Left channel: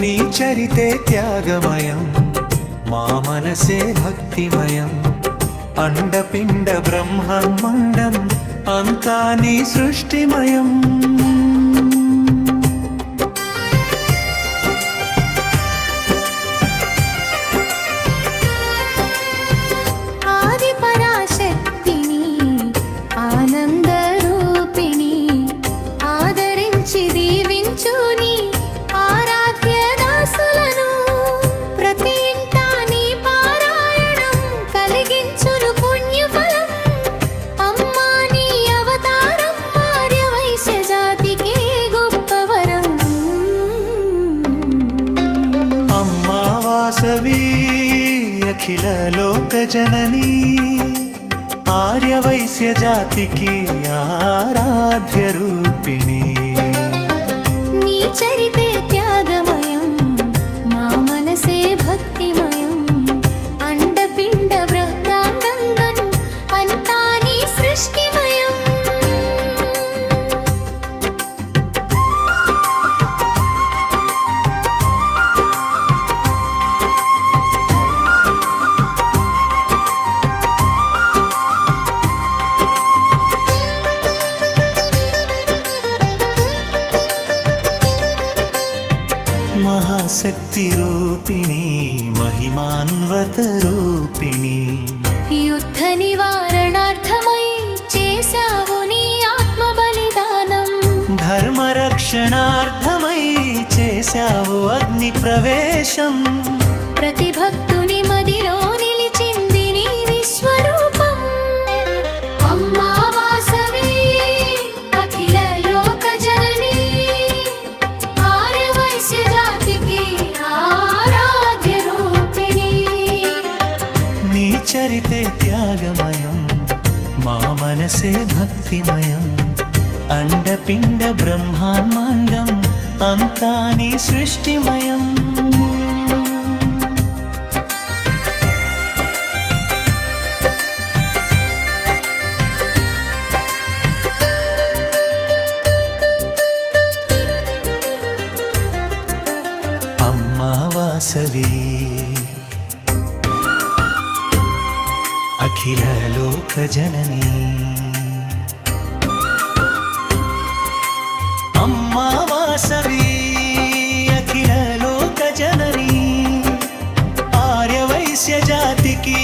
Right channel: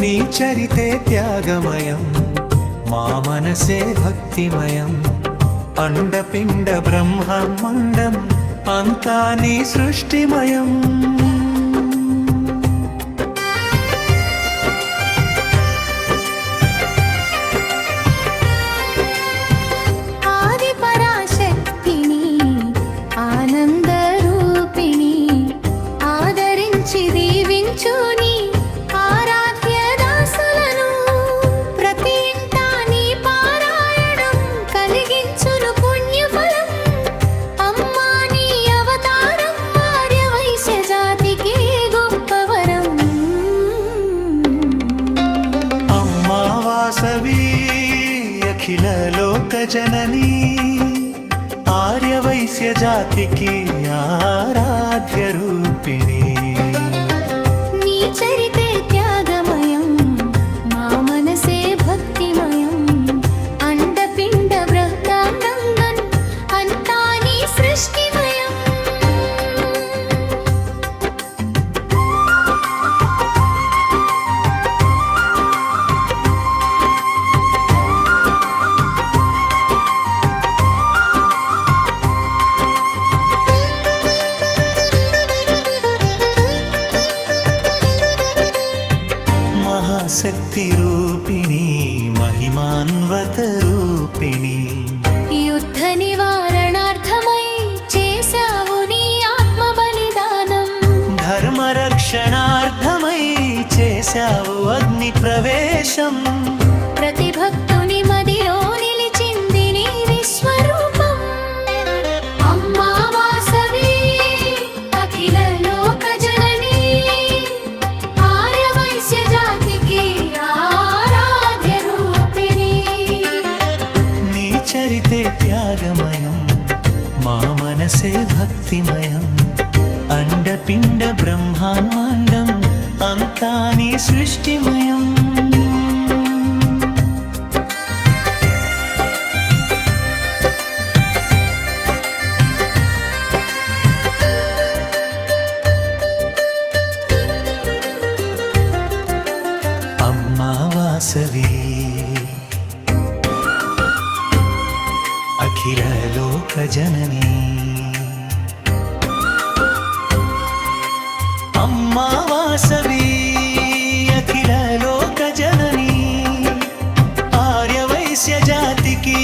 నీ చరితే త్యాగమయం, మా మనసే భక్తిమయం. అండపిండ బ్రహ్మాండం అంతా నీ సృష్టిమయం. ఆది పరాశక్తిని, ఆనందరూపిణి, ఆదరించి దీవించుని ఆరాధ్య దాసులను. ప్రతి ఇంటా నీ పారాయణం కలిగించును పుణ్యఫలం. అమ్మా నీ అవతారం ఆర్యవైశ్య జాతికి గొప్పవరం. అమ్మా వాసవి అఖిల లోక జననీ, ఆర్యవైశ్య జాతికి ఆరాధ్య రూపిణి. నీ చరితే త్యాగమయం, మా మనసే భక్తిమయం. అండపిండ బ్రహ్మాండం అంతా నీ సృష్టిమయం. మహాశక్తి రూపిణి, మహిమాన్వత రూపిణి. యుద్ధ నివారణార్థమై చేశావు నీ ఆత్మ బలిదానం. ధర్మ రక్షణార్థమై చేశావు అగ్ని ప్రవేశం. ప్రతి భక్తుని మదిలో నిలిచింది నీ విశ్వరూపం. అమ్మా వాసవి అఖిల లోక జననీ, ఆర్యవైశ్య జాతికి ఆరాధ్య రూపిణి. నీ చరితే త్యాగమయం, మా మనసే భక్తిమయం. అండపిండ బ్రహ్మాండం అంతా నీ సృష్టిమయం. అమ్మా వాసవి అఖిల లోక జననీ, అమ్మా వాసవి అఖిల లోక జననీ, ఆర్యవైశ్య జాతికి